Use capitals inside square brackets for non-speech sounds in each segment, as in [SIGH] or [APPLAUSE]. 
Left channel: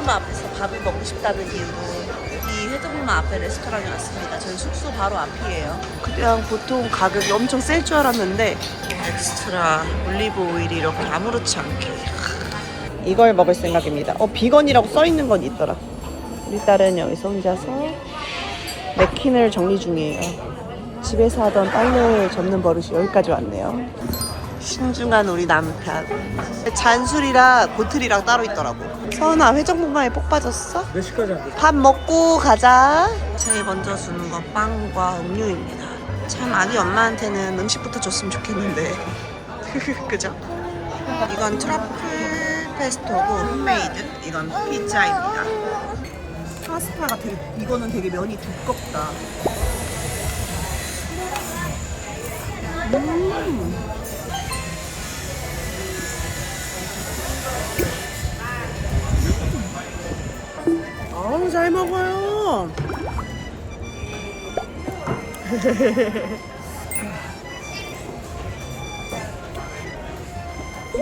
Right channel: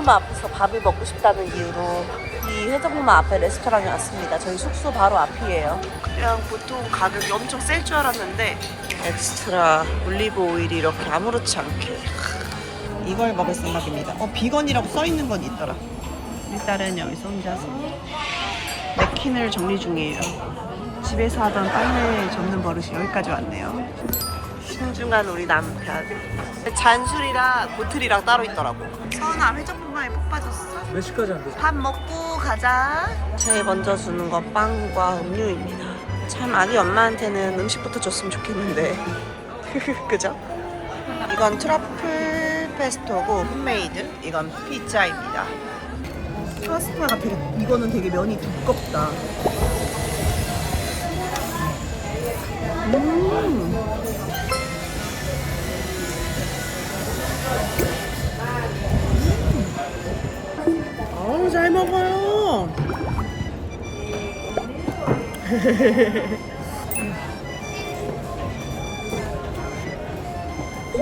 해적목마 앞에서 밥을 먹고 싶다는 이유로 이 해적목마 앞에 레스토랑에 왔습니다. 저희 숙소 바로 앞이에요. 그냥 보통 가격이 엄청 셀 줄 알았는데 엑스트라 올리브 오일이 이렇게 아무렇지 않게 이걸 먹을 생각입니다. 어 비건이라고 써 있는 건 있더라. 우리 딸은 여기서 혼자서 냅킨을 정리 중이에요. 집에서 하던 빨래 접는 버릇이 여기까지 왔네요. 신중한 우리 남편. 잔술이랑 보틀이랑 따로 있더라고. 서은아 회전목마에 폭 빠졌어? 몇 시까지 안 돼? 밥 먹고 가자. 제일 먼저 주는 거 빵과 음료입니다. 참 아기 엄마한테는 음식부터 줬으면 좋겠는데. [LAUGHS] 그죠? 이건 트러플 페스토고 홈메이드. 이건 피자입니다. 파스타가 되게 이거는 되게 면이 두껍다. 음. 잘 먹어요.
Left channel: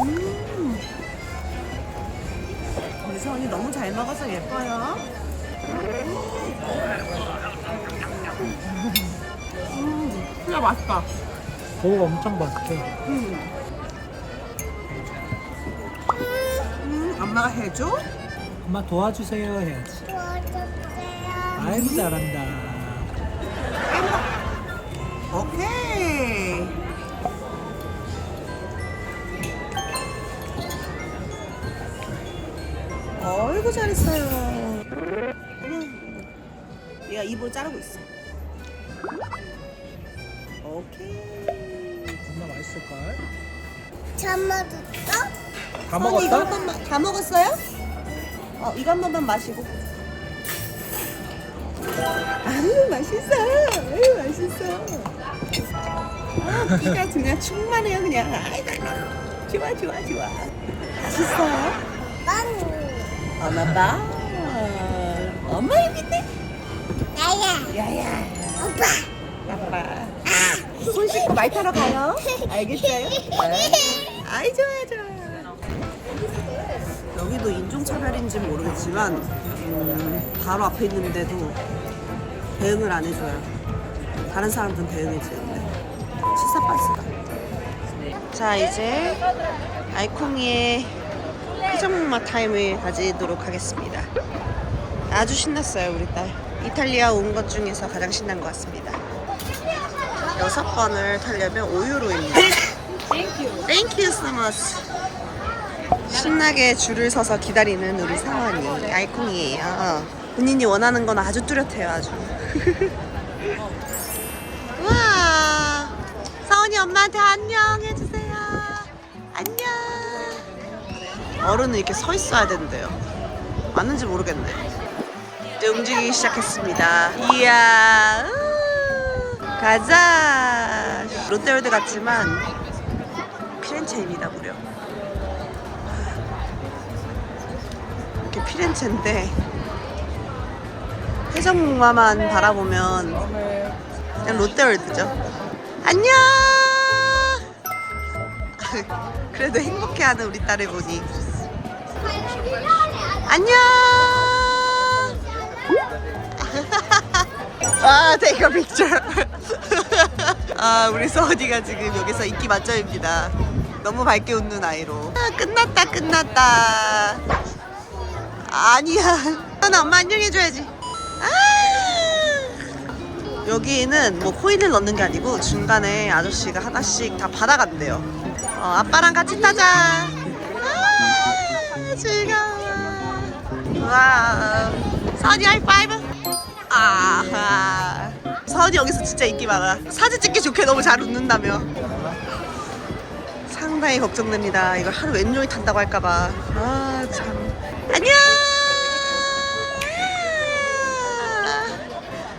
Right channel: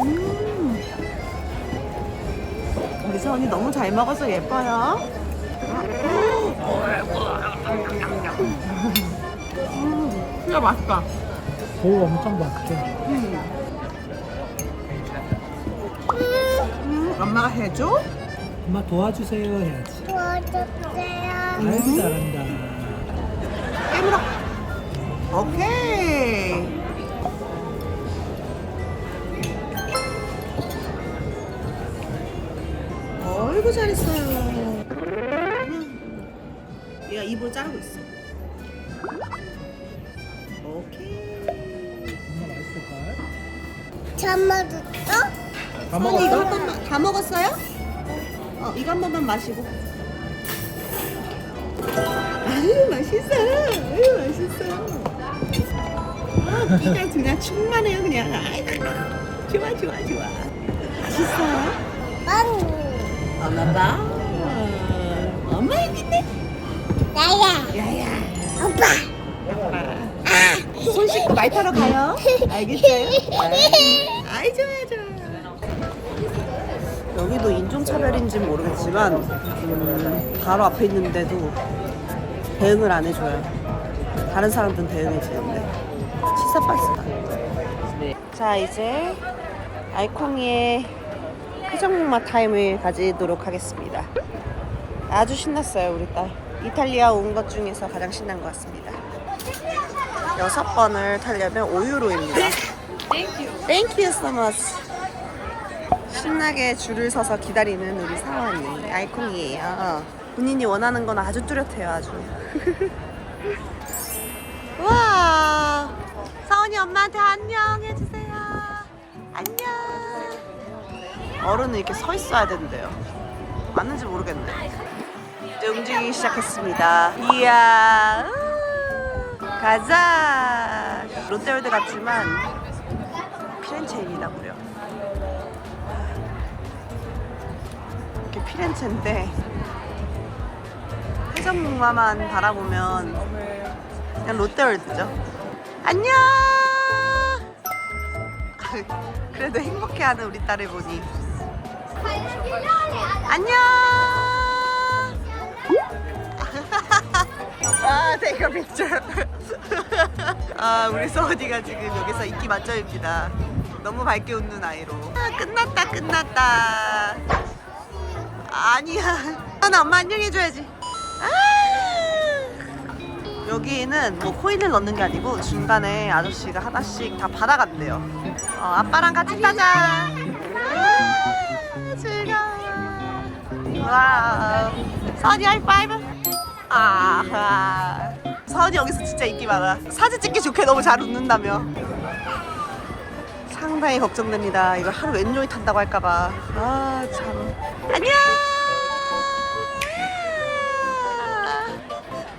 음. 우리 서원이 너무 잘 먹어서 예뻐요. 음, 진짜 맛있다. 오 엄청 맛있게 음. 음, 엄마가 해줘? 엄마 도와주세요 해야지 오케이. 어이구 잘했어요. 얘가 입을 자르고 있어. 오케이. 엄마 맛있을까? 잠만뒀어? 다 어, 이거 한 먹었어? 다 먹었어요? 어, 이거 한 번만 마시고. 아유 맛있어. 아유 맛있어. 아, 끼가 그냥 충만해요 그냥. 아이고, 좋아 좋아 좋아. 맛있어요? 빵 엄마 봐. 엄마 여기 있네. 나야 야야. 오빠 아빠. 손 씻고 말 타러 가요. 알겠어요? [LAUGHS] 아이 좋아요 좋아요. 여기도 인종차별인지 모르겠지만 음, 바로 앞에 있는데도 대응을 안 해줘요. 다른 사람들은 대응해주는데 시사 박스다. 자 이제 알콩이의 회전목마 타임을 가지도록 하겠습니다. 아주 신났어요 우리 딸. 이탈리아 온 것 중에서 가장 신난 것 같습니다. 여섯 번을 타려면 5유로입니다. Thank you. Thank you so much. 신나게 줄을 서서 기다리는 우리 사원이 알콩이에요. 본인이 원하는 건 아주 뚜렷해요, 아주. [LAUGHS] 와, 사원이 엄마한테 안녕 해주세요. 안녕. 어른은 이렇게 서 있어야 된대요. 맞는지 모르겠네. 이제 움직이기 시작했습니다. 이야, 으, 가자. 롯데월드 같지만 피렌체입니다, 무려. 이렇게 피렌체인데 해적목마만 바라보면 그냥 롯데월드죠. 안녕. [LAUGHS] 그래도 행복해하는 우리 딸을 보니 안녕. [LAUGHS] 아, take a picture. [LAUGHS] 아, 우리 서원이가 지금 여기서 인기 만점입니다. 너무 밝게 웃는 아이로. 아, 끝났다, 끝났다. 아니야. 나 엄마 안녕해줘야지. 아! 여기는 뭐 코인을 넣는 게 아니고 중간에 아저씨가 하나씩 다 받아간대요. 어, 아빠랑 같이 타자. 아, 즐거워. 와. 서원이 하이파이브. 아하. 서원이 여기서 진짜 인기 많아. 사진 찍기 좋게 너무 잘 웃는다며. 상당히 걱정됩니다. 이걸 하루 왼종일 탄다고 할까봐. 아, 참. 안녕!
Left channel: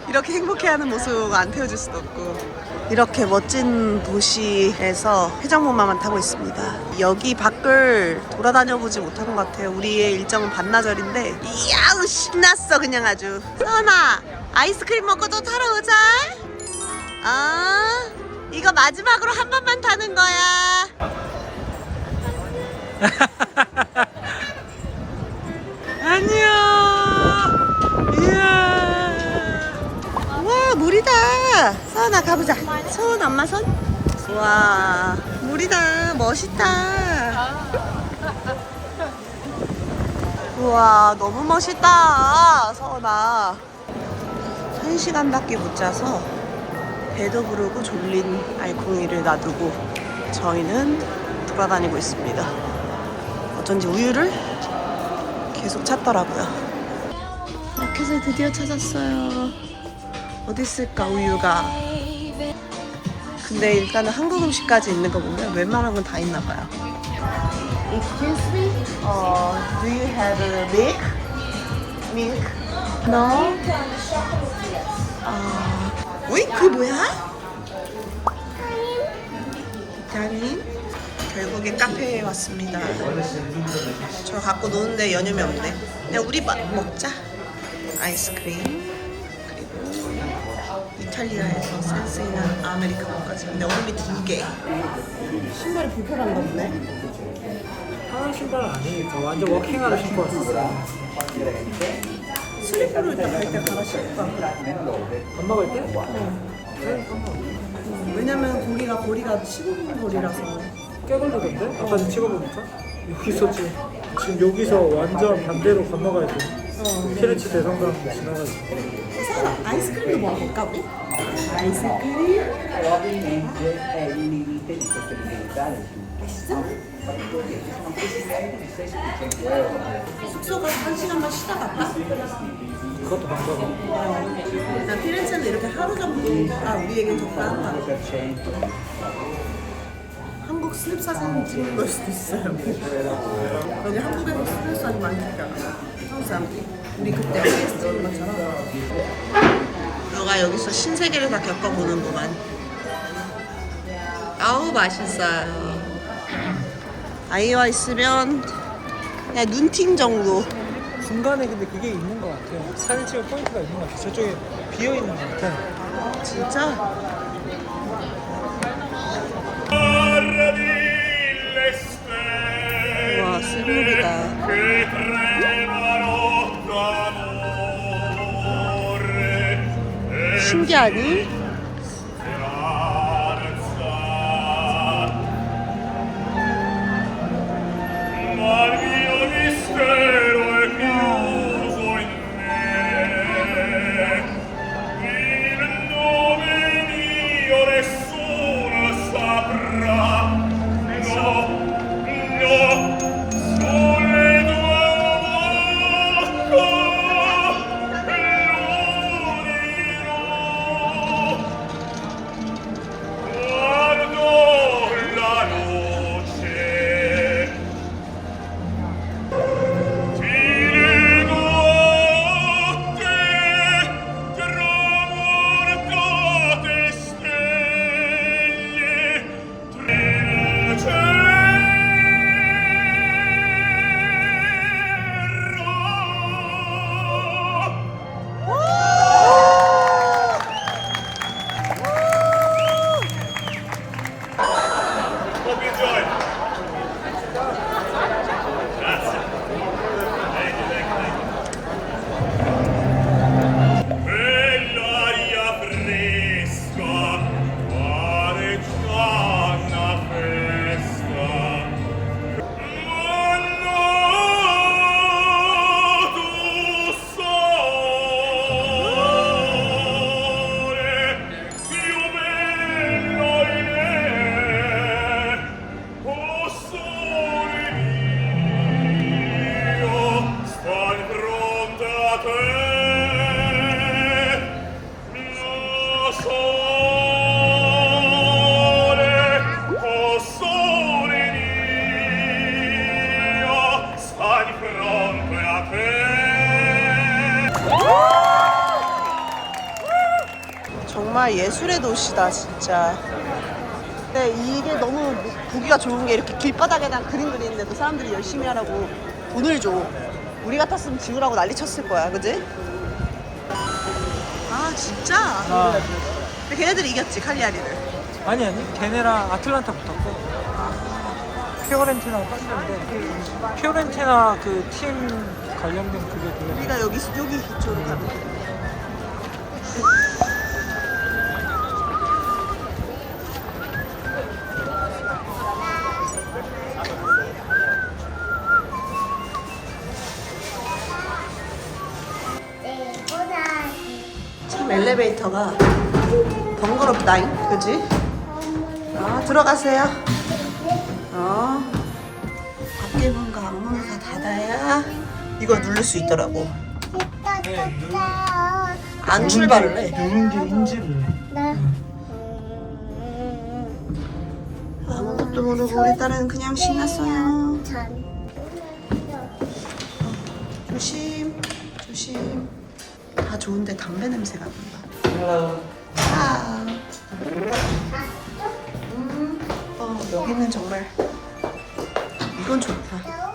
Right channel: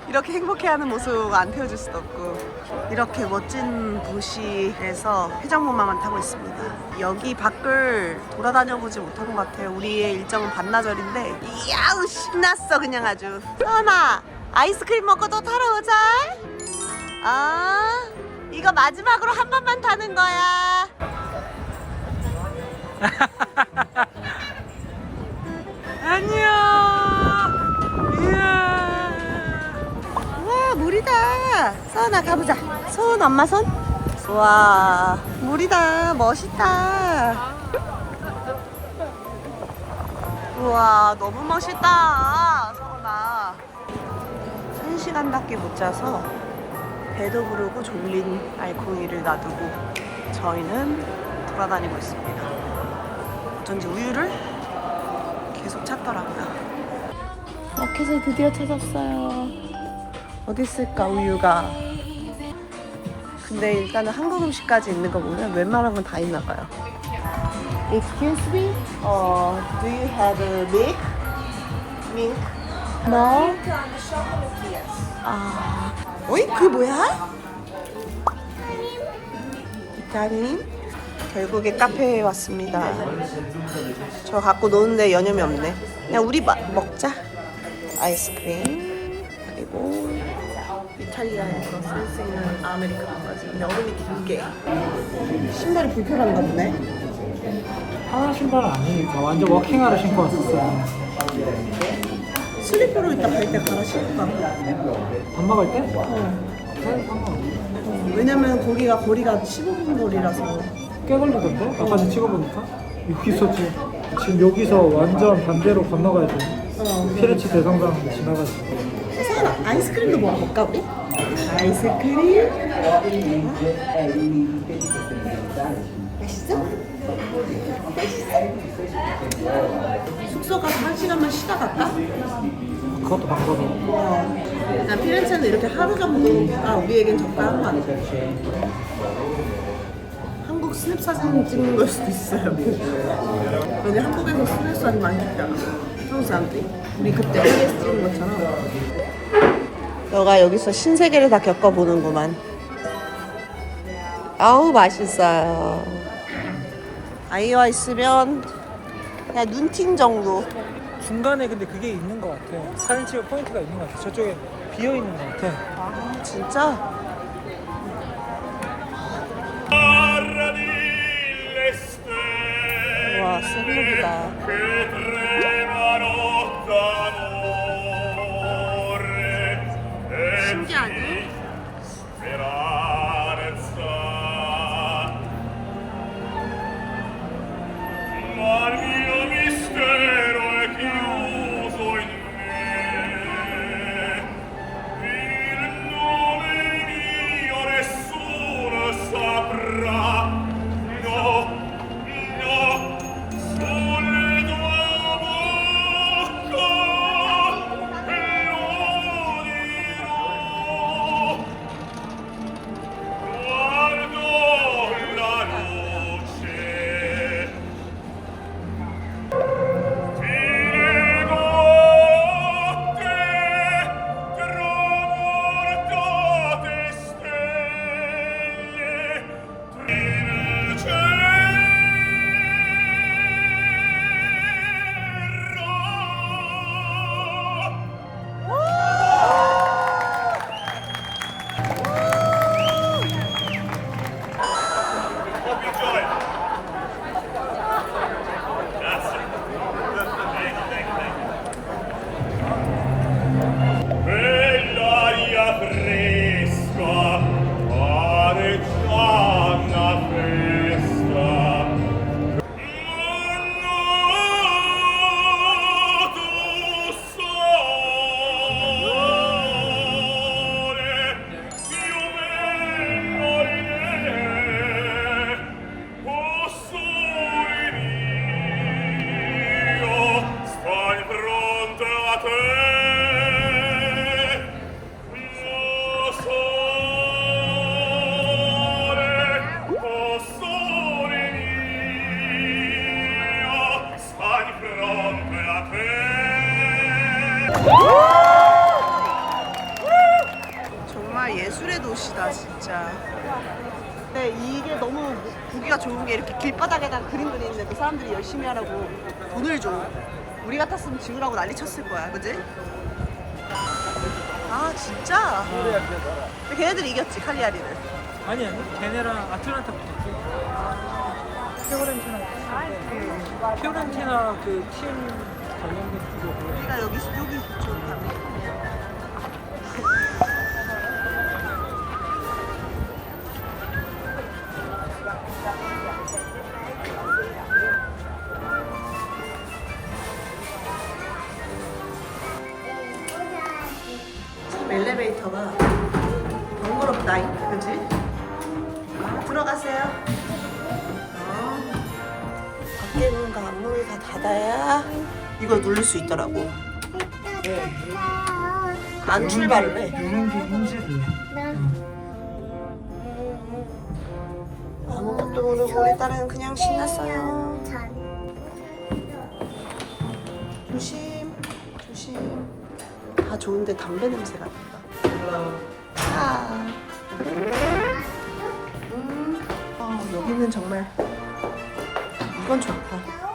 이렇게 행복해하는 모습 안 태워줄 수도 없고. 이렇게 멋진 도시에서 회전목마만 타고 있습니다. 여기 밖을 돌아다녀 보지 못한 것 같아요. 우리의 일정은 반나절인데, 이야, 신났어, 그냥 아주. 서은아, 아이스크림 먹고 또 타러 오자. 아, 이거 마지막으로 한 번만 타는 거야. [LAUGHS] 서은아 가보자. 서은 엄마 손. 와 물이다. 멋있다. 우와 너무 멋있다. 서은아. 한 시간밖에 못 자서 배도 부르고 졸린 알콩이를 놔두고 저희는 돌아다니고 있습니다. 어쩐지 우유를 계속 찾더라고요. 마켓을 드디어 찾았어요. 어디 있을까 우유가? 근데 일단은 한국 음식까지 있는 거 보면 웬만한 건 다 있나 봐요. Excuse me, uh, do you have a milk? Milk? No. 아, 어이 그 뭐야? 기타린. 결국에 카페에 왔습니다. 저 갖고 노는데 여념이 없네. 그냥 우리 마, 먹자. 아이스크림 그리고 이탈리아에서 센스 있는 아메리카노까지. 근데 얼음이 두 개. 신발이 불편한가 보네. 하나 신발 아니니까 완전 워킹하러 신고 왔었어요. 슬리퍼로 이따 갈 때 갈아 신을까? 엄마가 올 때? 어. 어, 왜냐면 거기가 거리가 15분 거리라서. 꽤 걸리던데? 아까 좀 찍어보니까? 여기 있었지. 지금 여기서 완전 반대로 건너가야 돼. 어, 피레치 대성당으로 지나가서. 서연아 아이스크림도 먹어볼까 우리? 아이스크림 맛있어? 숙소 가서 한 시간만 쉬다 갈까? 그것도 방법이야. 어. 난 피렌체는 이렇게 하루 정도가 우리에겐 적당한 거 같아 한국 스냅 사진 찍는 걸 수도 있어요 [LAUGHS] 여기 한국에서 스냅 사진 많이 찍잖아 한국 사람들이 우리 그때 LA에서 찍은 것처럼 너가 여기서 신세계를 다 겪어보는구만 아우 맛있어요 아이와 있으면 그냥 눈팅 정도 중간에 근데 그게 있는 것 같아. 사진 찍을 포인트가 있는 것 같아. 저쪽에 비어 있는 것 같아. 아 진짜? 와 스무비다 신기하니? 정말 예술의 도시다 진짜 근데 이게 너무 뭐- 보기가 좋은 게 이렇게 길바닥에다 그림 그리는데도 사람들이 열심히 하라고 돈을 줘 우리 같았으면 지우라고 난리 쳤을 거야 그지? 아 진짜? 아, 근데 걔네들이 이겼지 칼리아리를 아니 아니. 걔네랑 아틀란타 붙었고. 피오렌티나 떴는데 피오렌티나 그 팀 관람객 쪽에 우리가 여기 여기 이쪽으로 가면 돼. 엘리베이터가 번거롭다잉, 그지? 아 들어가세요. 어. 밖에 문과 앞문을 다 닫아야 이걸 누를 수 있더라고. 안 출발을 해. 이런 게 인지를 해. 아무것도 모르고 우리 딸은 그냥 신났어요. 조심, 조심. 다 좋은데 담배 냄새가 난다. 아. 음, 어, 여기는 정말 이건 좋다.